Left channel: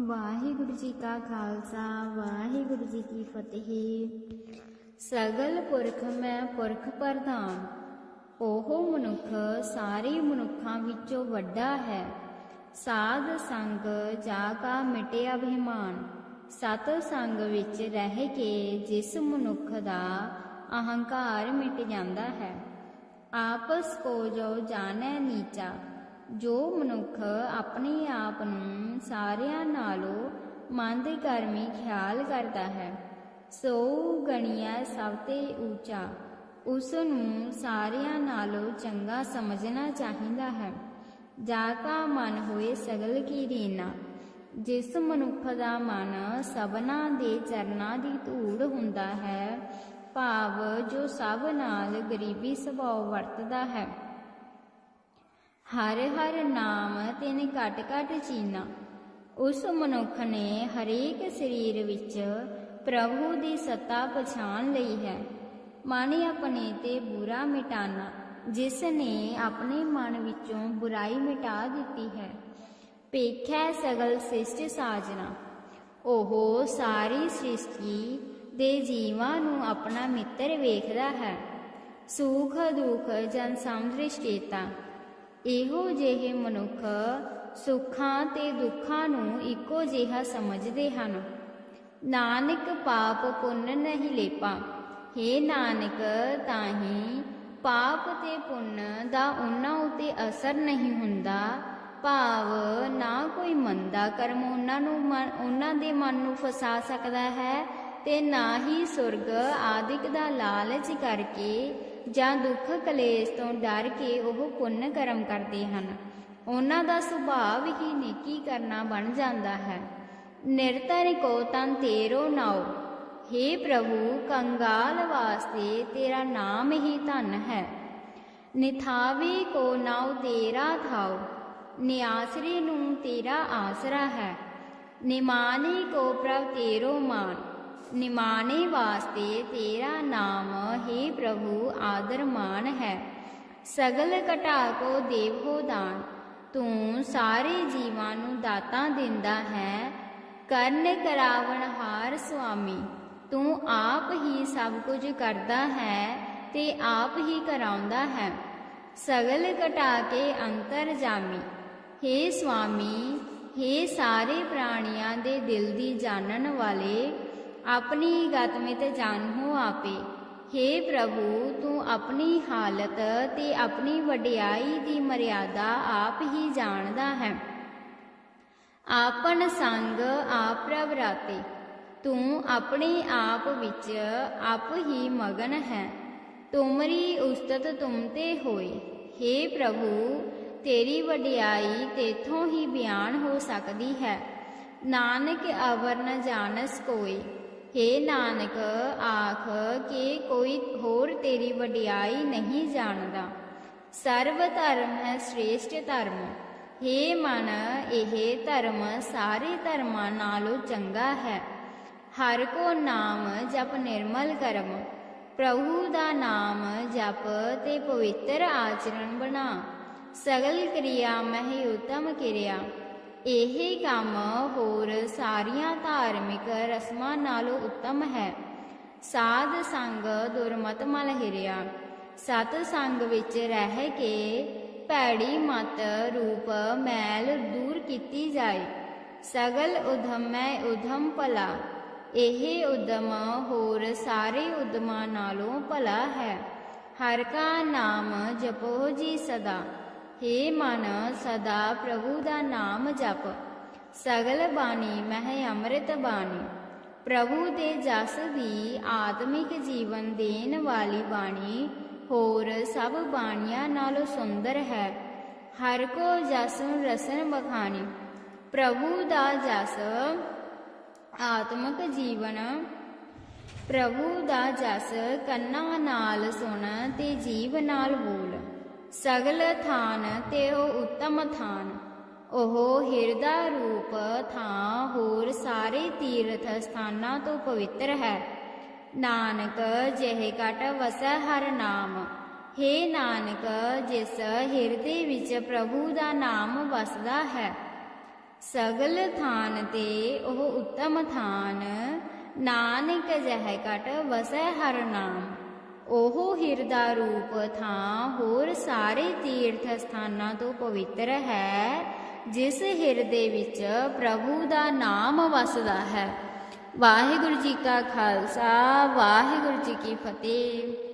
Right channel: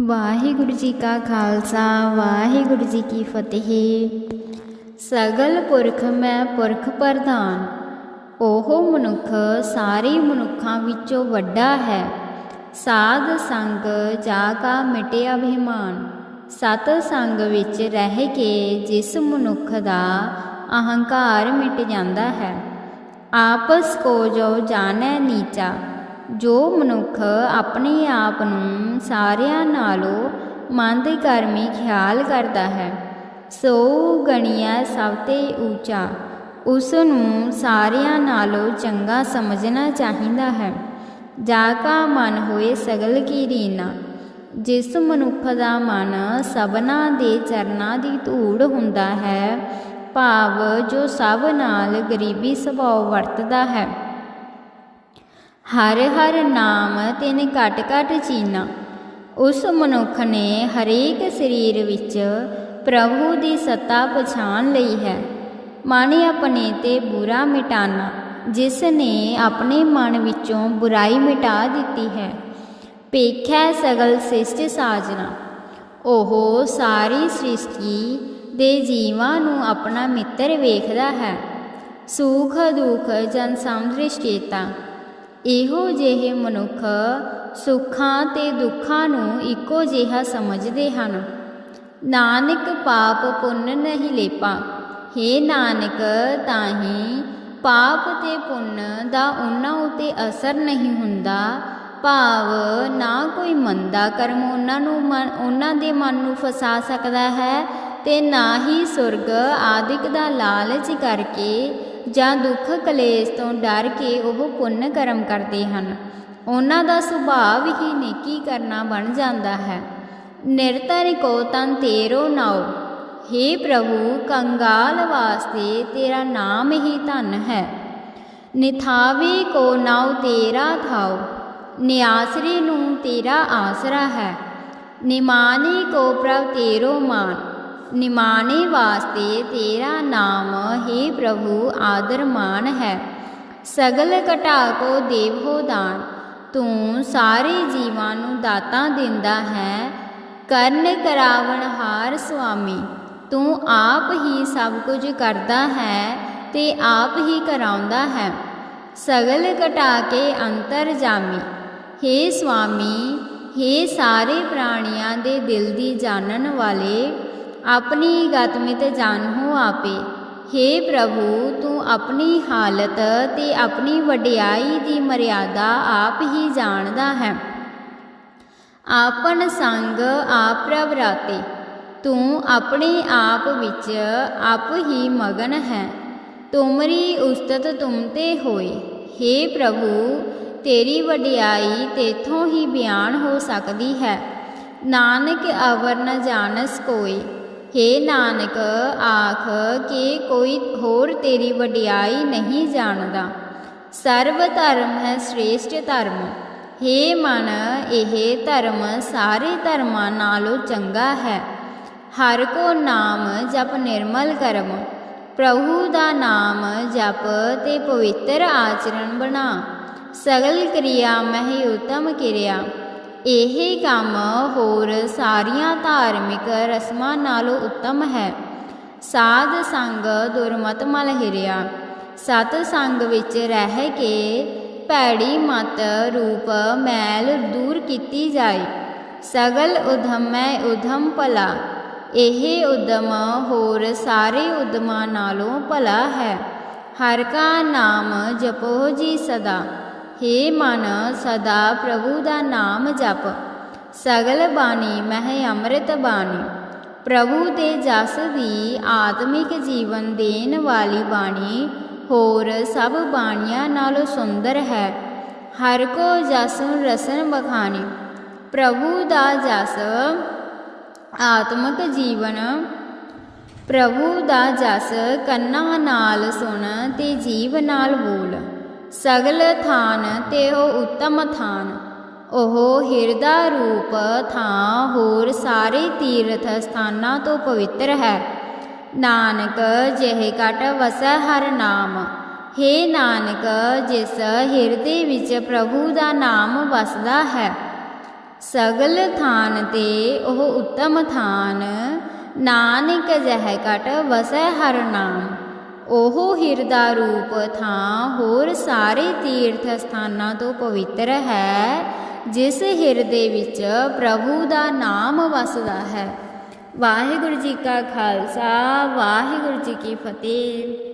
ਵਾਹਿਗੁਰੂ ਜੀ ਕਾ ਖਾਲਸਾ, ਵਾਹਿਗੁਰੂ ਜੀ ਕੀ ਫਤਿਹ। ਸਗਲ ਪੁਰਖ ਮੈਂ ਪੁਰਖ ਪ੍ਰਧਾਨ, ਉਹ ਮਨੁੱਖ ਸਾਰੇ ਮਨੁੱਖਾਂ ਵਿੱਚੋਂ ਵੱਡਾ ਹੈ। ਸਾਧ ਸੰਗ ਜਾ ਕਾ ਮਿਟਿਆ ਅਭਿਮਾਨ, ਸਤ ਸੰਗ ਵਿੱਚ ਰਹਿ ਕੇ ਜਿਸ ਮਨੁੱਖ ਦਾ ਅਹੰਕਾਰ ਮਿਟ ਜਾਂਦਾ ਹੈ। ਆਪਸ ਕੋ ਜੋ ਜਾਣੈ ਨੀਚਾ ਜੋ ਮਨੁੱਖ ਆਪਣੇ ਆਪ ਨੂੰ ਸਾਰਿਆਂ ਨਾਲੋਂ ਮੰਦ ਕਰਮੀ ਖਿਆਲ ਕਰਦਾ ਹੈ, ਸੋ ਗਣੀਐ ਸਭ ਤੇ ਉੱਚਾ, ਉਸ ਨੂੰ ਸਾਰਿਆਂ ਨਾਲੋਂ ਚੰਗਾ ਸਮਝਣਾ ਚਾਹੀਦਾ ਹੈ। ਜਾ ਕਾ ਮਨ ਹੋਏ ਸਗਲ ਕੀ ਰੀਨਾ, ਜਿਸ ਮਨੁੱਖ ਦਾ ਮਨ ਸਭਨਾ ਦੇ ਚਰਨਾਂ ਦੀ ਧੂੜ ਹੁੰਦਾ ਹੈ, ਭਾਵ ਜੋ ਸਭ ਨਾਲ ਗਰੀਬੀ ਸੁਭਾਅ ਵਰਤਦਾ ਹੈ। ਹਰ ਹਰ ਨਾਮ, ਤਿਨ ਘਟ ਘਟ ਚੀਨਾ। ਉਸ ਮਨੁੱਖ ਨੇ ਹਰੇਕ ਸਰੀਰ ਵਿੱਚ ਪ੍ਰਭੂ ਦੀ ਸੱਤਾ ਪਛਾਣ ਲਈ ਹੈ। ਮਨ ਆਪਣੇ ਤੇ ਬੁਰਾ ਮਿਟਾਨਾ ਜਿਸ ਨੇ ਆਪਣੇ ਮਨ ਵਿੱਚੋਂ ਬੁਰਾਈ ਮਿਟਾ ਦਿੱਤੀ ਹੈ। ਪੇਖੈ ਸਗਲ ਸਿਸ਼ਟ ਸਾਜਨਾ, ਉਹ ਸਾਰੀ ਸ੍ਰਿਸ਼ਟੀ ਦੇ ਜੀਵਾਂ ਨੂੰ ਆਪਣਾ ਮਿੱਤਰ ਵੇਖਦਾ ਹੈ। ਸੁਖ ਦੁਖ ਜਨ ਸਮਦ੍ਰਿਸ਼ਟੇਤਾ ਇਹੋ ਜਿਹੇ ਮਨੁੱਖ ਸੁੱਖਾਂ ਤੇ ਦੁੱਖਾਂ ਨੂੰ ਇੱਕੋ ਜਿਹਾ ਸਮਝਦੇ ਹਨ। ਨਾਨਕ ਪਾਪ ਪੁੰਨ ਨਹੀਂ ਲੇਪਾ। ਹੇ ਨਾਨਕ ਤਾਂ ਹੀ ਪਾਪ ਤੇ ਪੁੰਨ ਦਾ ਉਹਨਾਂ ਉਤੇ ਅਸਰ ਨਹੀਂ ਹੁੰਦਾ। ਭਾਵ ਨਾ ਕੋਈ ਮੰਦਾ ਕਰਮ ਉਹਨਾਂ ਨੂੰ ਮਨ, ਉਹਨਾਂ ਦੇ ਮਨ ਨੂੰ ਫਸਾ ਸਕਦਾ ਹੈ ਤੇ ਨਾ ਹੀ ਸੁਰਗ ਆਦਿਕ ਦਾ ਲਾਲਚ ਕਰਕੇ ਜਾਂ ਦੁੱਖ ਕਲੇਸ਼ ਤੋਂ ਡਰ ਕੇ ਉਹ ਪੁੰਨ ਕਰਮ ਕਰਦੇ ਹਨ। ਉਹਨਾਂ ਦਾ ਸੁਭਾਅ ਹੀ ਨੇਕੀ ਕਰਨਾ ਬਣ ਜਾਂਦਾ ਹੈ। ਨਿਰਤਰ ਕੋ ਤਨ ਤੇਰੋ ਨਾਉ। हे ਪ੍ਰਭੂ, ਕੰਗਾਲ ਵਾਸਤੇ ਤੇਰਾ ਨਾਮ ਹੀ ਧਨ ਹੈ। ਨਿਥਾਵੇ ਕੋ ਨਾਉ ਤੇਰਾ ਥਾਉ। ਨਿਆਸਰੇ ਨੂੰ ਤੇਰਾ ਆਸਰਾ ਹੈ। ਨਿਮਾਨੇ ਕੋ ਪ੍ਰਭ ਤੇਰੋ ਮਾਨ। ਨਿਮਾਣੇ ਵਾਸਤੇ ਤੇਰਾ ਨਾਮ ਹੀ ਪ੍ਰਭੂ ਆਦਰ ਮਾਨ ਹੈ। ਸਗਲ ਘਟਾ ਕੋ ਦੇਵ ਦਾਨ, ਤੂੰ ਸਾਰੇ ਜੀਵਾਂ ਨੂੰ ਦਾਤਾਂ ਦਿੰਦਾ ਹੈ। ਕਰਨ ਕਰਾਵਣ ਹਾਰ ਸੁਆਮੀ, ਤੂੰ ਆਪ ਹੀ ਸਭ ਕੁਝ ਕਰਦਾ ਹੈ ਤੇ ਆਪ ਹੀ ਕਰਾਉਂਦਾ ਹੈ। ਸਗਲ ਘਟਾ ਕੇ ਅੰਤਰ ਜਾਮੀ हे ਸੁਆਮੀ हे ਸਾਰੇ ਪ੍ਰਾਣੀਆਂ ਦੇ ਦਿਲ ਦੀ ਜਾਣਨ ਵਾਲੇ ਆਪਣੀ ਗਤਮਿਤ ਜਾਣੋ ਆਪੇ। हे ਪ੍ਰਭੂ, ਤੂੰ ਆਪਣੀ ਹਾਲਤ ਤੇ ਆਪਣੀ ਵਡਿਆਈ ਦੀ ਮਰਿਆਦਾ ਆਪ ਹੀ ਜਾਣਦਾ ਹੈ। ਆਪਨ ਸੰਗ ਆਪ ਪ੍ਰਵਰਾਤੇ ਤੂੰ ਆਪਣੇ ਆਪ ਵਿੱਚ ਆਪ ਹੀ ਮਗਨ ਹੈ। ਤੁਮਰੀ ਉਸਤਤ ਤੁਮ ਤੇ ਹੋਏ। हे ਪ੍ਰਭੂ, ਤੇਰੀ ਵਡਿਆਈ ਤੇਥੋਂ ਹੀ ਬਿਆਨ ਹੋ ਸਕਦੀ ਹੈ। ਨਾਨਕ ਅਵਰ ਨ ਜਾਣਸ ਕੋਈ हे ਨਾਨਕ, ਆਖ ਕਿ ਕੋਈ ਹੋਰ ਤੇਰੀ ਵਡਿਆਈ ਨਹੀਂ ਜਾਣਦਾ। ਸਰਵ ਧਰਮ ਹੈ ਸ੍ਰੇਸ਼ਟ ਧਰਮ। हे ਮਨ, ਇਹ ਧਰਮ ਸਾਰੇ ਧਰਮਾਂ ਨਾਲੋਂ ਚੰਗਾ ਹੈ। ਹਰ ਕੋ ਨਾਮ ਜਪ ਨਿਰਮਲ ਕਰਮ। ਪ੍ਰਭੂ ਦਾ ਨਾਮ ਜਪ ਤੇ ਪਵਿੱਤਰ ਆਚਰਣ ਬਣਾ। ਸਗਲ ਕਿਰਿਆ ਮਹਿ ਉਤਮ ਕਿਰਿਆ। ਇਹ ਕੰਮ ਹੋਰ ਸਾਰੀਆਂ ਧਾਰਮਿਕ ਰਸਮਾਂ ਨਾਲੋਂ ਉੱਤਮ ਹੈ। ਸਾਧ ਸੰਗ ਦੁਰਮਤ ਮਲ ਹਿਰਿਆ। ਸਤ ਸੰਗ ਵਿੱਚ ਰਹਿ ਕੇ ਭੈੜੀ ਮਤ ਰੂਪ ਮੈਲ ਦੂਰ ਕੀਤੀ ਜਾਏ। ਸਗਲ ਉਧਮੈ ਉਧਮ ਭਲਾ। ਇਹ ਉਦਮ ਹੋਰ ਸਾਰੇ ਉਦਮਾਂ ਨਾਲੋਂ ਭਲਾ ਹੈ। ਹਰ ਕਾ ਨਾਮ ਜਪੋ ਜੀ ਸਦਾ। ਹੇ ਮਨ, ਸਦਾ ਪ੍ਰਭੂ ਦਾ ਨਾਮ ਜਪ। ਸਗਲ ਬਾਣੀ ਮਹਿ ਅੰਮ੍ਰਿਤ ਬਾਣੀ। ਪ੍ਰਭੂ ਦੇ ਜਸ ਦੀ ਆਤਮਿਕ ਜੀਵਨ ਦੇਣ ਵਾਲੀ ਬਾਣੀ, ਹੋਰ ਸਭ ਬਾਣੀਆਂ ਨਾਲੋਂ ਸੁੰਦਰ ਹੈ। ਹਰ ਕੋ ਜਸ ਰਸਨ ਬਖਾਣੀ ਪ੍ਰਭੂ ਦਾ ਜਸ, ਆਤਮਿਕ ਜੀਵਨ। ਪ੍ਰਭੂ ਦਾ ਜਸ ਕੰਨਾਂ ਨਾਲ ਸੁਣ ਤੇ ਜੀਵ ਨਾਲ ਬੋਲ। ਸਗਲ ਥਾਨ ਤੇ ਉਹ ਉੱਤਮ ਥਾਨ। ਉਹ ਹਿਰਦਾ ਰੂਪ ਥਾਂ ਹੋਰ ਸਾਰੇ ਤੀਰਥ ਸਥਾਨਾਂ ਤੋਂ ਪਵਿੱਤਰ ਹੈ। ਨਾਨਕ ਜਿਹੇ ਕਟ ਵਸੈ ਹਰ ਨਾਮ। हे ਨਾਨਕ, ਜਿਸ ਹਿਰਦੇ ਵਿੱਚ ਪ੍ਰਭੂ ਦਾ ਨਾਮ ਵਸਦਾ ਹੈ। ਸਗਲ ਥਾਨ ਤੇ ਉਹ ਉੱਤਮ ਥਾਨ। ਨਾਨਕ ਜਹ ਕਟ ਵਸੈ ਹਰ ਨਾਮ। ਉਹ ਹਿਰਦਾ ਰੂਪ ਥਾਂ ਹੋਰ ਸਾਰੇ ਤੀਰਥ ਸਥਾਨਾਂ ਤੋਂ ਪਵਿੱਤਰ ਹੈ, ਜਿਸ ਹਿਰਦੇ ਵਿੱਚ ਪ੍ਰਭੂ ਦਾ ਨਾਮ ਵਸਦਾ ਹੈ। ਵਾਹਿਗੁਰੂ ਜੀ ਕਾ ਖਾਲਸਾ, ਵਾਹਿਗੁਰੂ ਜੀ ਕੀ ਫਤਿਹ।